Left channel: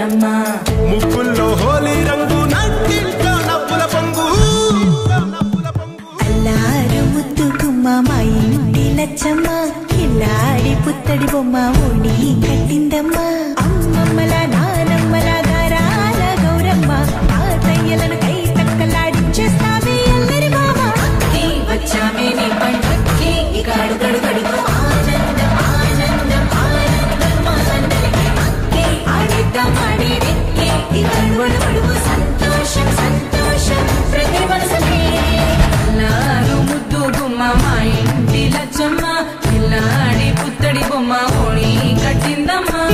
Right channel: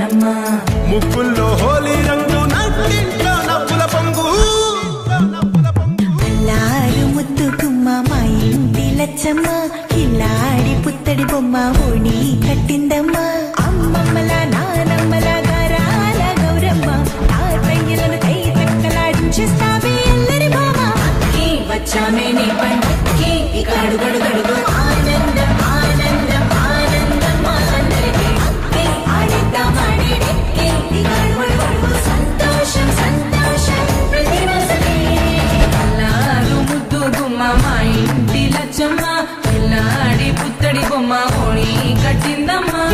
కన్నమ్మా ముక్కుల్లో హోలీ రంగు నట్టింట్లో నవ్వుల పొంగు అల్లారు ముద్దు గుమ్మ మా ఇంటి లచ్చమ్మ ఇల్లాడి పుత్తడి బొమ్మ ఓణి కట్టిందమ్మా అమ్మమ్మల నానమ్మల గారాల గౌరమ్మ ఆర్పయ్యలను కై తట్టలాడించేస్తావే అల్లరి బావ వచ్చామే నీ పండుగకి ఇక అడుగడుగడుగు ఆనందం ఆనందం ఆనందం అందరికీ ఆడిద్దాం ఆడిడే ఇక అడుగడుగడుగు సంతోషం సంతోషం ప్రతి మనసుకి అల్లారు ముద్దు గుమ్మ మా ఇంటి లచ్చమ్మ పిల్లాడి పుత్తడి బొమ్మ ఓణి కట్టిందమ్మా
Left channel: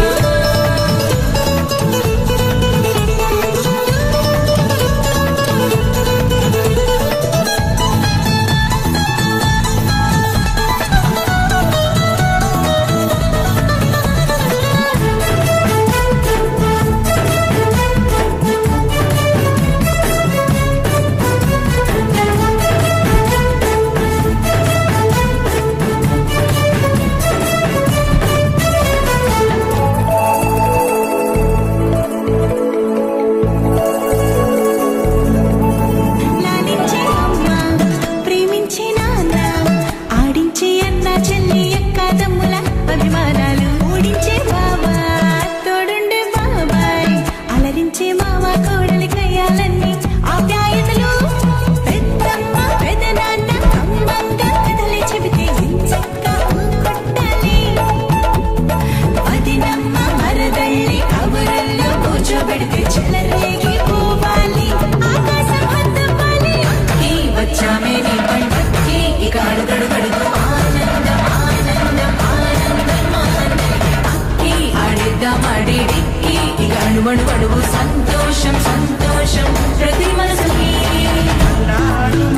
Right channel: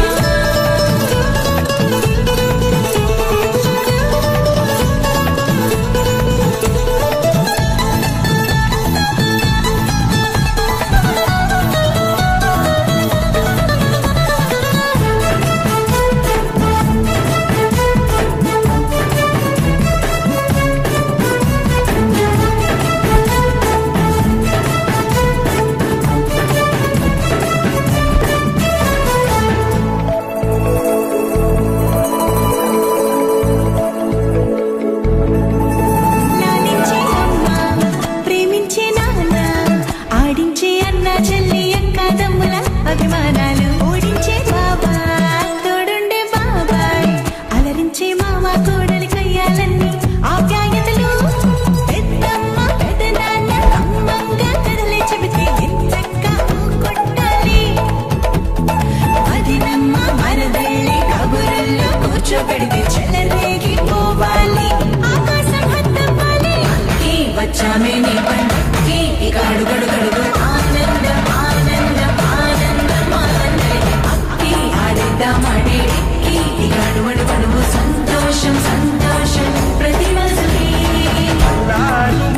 సంతోషం సంతోషం ప్రతి మనసుకి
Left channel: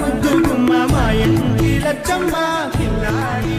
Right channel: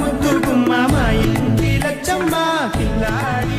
ముద్దు గుమ్మ మా ఇంటి లచ్చమ్మ పిల్లాడి